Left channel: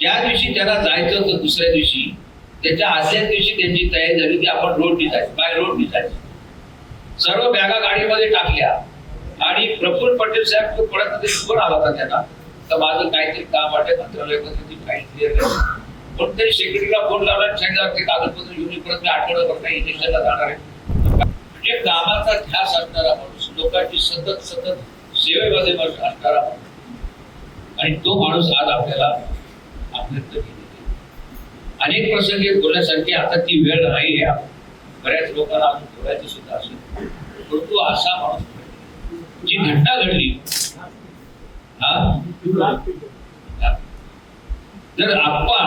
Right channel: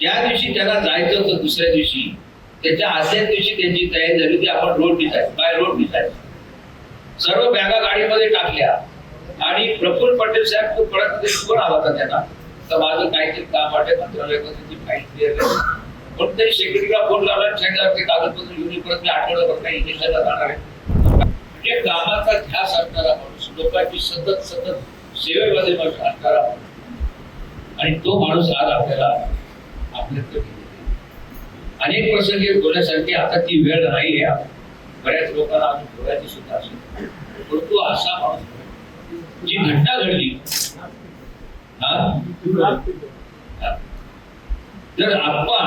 ज्या दिवशी त्याला जायचं होतं दुसऱ्या दिवशी त्याच्या आदल्याच दिवशी त्यांची तयारी झाली की आपण रोड निघायचं बाय रोड निघायचं. सर्व बॅगा गाडीमध्ये टाकल्या. आणि प्रफुल्ल पटेल साहेब तो परत फोन आला होता त्यांना तर माझं काहीतरी काम वाटे मंत्रालयात त्याची फाईल क्लिअर नाही पण ते सेक्रेटरीला फोन लावला सांगितलं ते कागदपत्र घेऊन परत मी आठवड्याभर काही इलेक्शनला जाणार आहे. म्हणजे कामाचा ध्यास असणारा माणूस लोकांची सतत सतत सेवेमध्ये असणारा माणूस. आणि तो माणूस आज आपल्याला आपल्यात अनेक प्रसंगी बोलण्यासारखी आता ती वेळ नाही आहे. बऱ्याच लोकांना अजून बोलायची सुद्धा असेल परंतु असा माणूस जी घटना घडली हा? जर आप्पा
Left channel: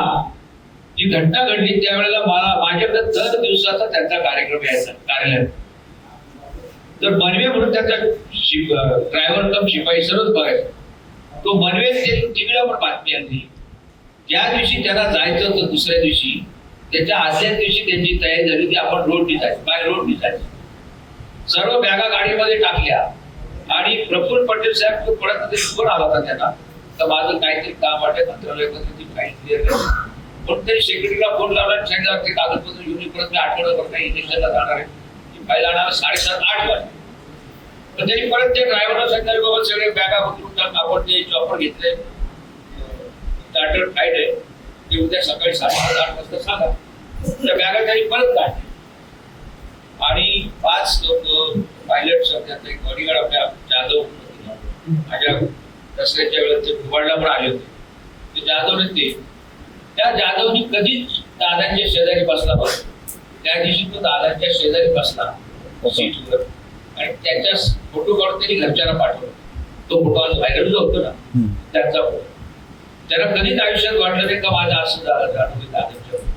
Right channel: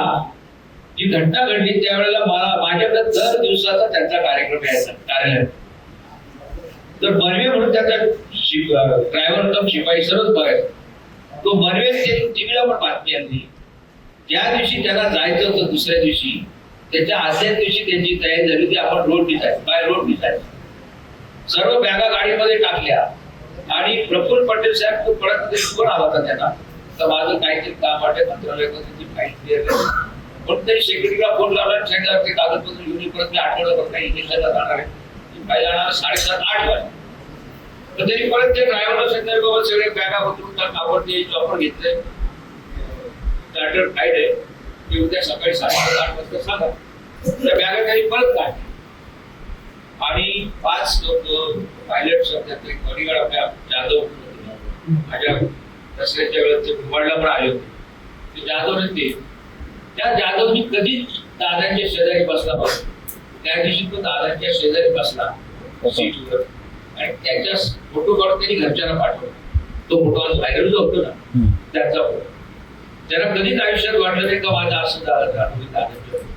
जी घटना घडली त्यावेळेला मला माझ्याकडे दर दिवसाचा त्यांचा कार्यक्रम यायचा कार्यालय. तर बनवे म्हणून त्याचा ड्रायव्हर कम शिपाई सर्वच बघायचा. तो बनवे टीव्हीला पण बातमी आणली. ज्या दिवशी त्याला जायचं होतं दुसऱ्या दिवशी त्याच्या आदल्याच दिवशी त्यांची तयारी झाली की आपण रोड निघायचं बाय रोड निघायचं सर्व बॅगा गाडीमध्ये टाकल्या. आणि प्रफुल्ल पटेल साहेब तो परत फोन आला होता त्यांना तर माझं काहीतरी काम वाटे मंत्रालय त्याची फाईल क्लिअर पण तरी सेक्रेटरीला फोन लावला सांगितलं ते कागदपत्र घेऊन परत मी आठवड्याभर काही इलेक्शनला जाणार आहे. ती फाईल आणायला साडेसात आठ वाजले. पण तरी परत त्या ड्रायव्हरला सांगितलं बाबा सगळे बॅगा उतरून आपण ते ऑफर घेतले चार्टर्ड फाईट आहे. ती उद्या सकाळी साडेसात आठ वाजता सांगा. त्या बॅगा त्यांनी परत काढल्या आणि पाच लोक पायलट त्यात एक बॉडीगार्ड आपल्या जाधव. माझ्या दसऱ्याच्या वेळेस ते भोपाळला पण आले होते. ते जाधव ते. त्या जाधवनी कधीच दादांच्या शेजारी बसला बसला त्या दिवशी तो दादांच्या शेजारी बसला. सीटवर. आणि त्याच्या फोटो काढून त्यांनी घरच्यांना पाठवला. तो फोटो आज व्हायरल जो होतो ना त्यांचा फोटो. त्याला कधीच आयुष्यात वाटलं नाही का माझं असं झालं का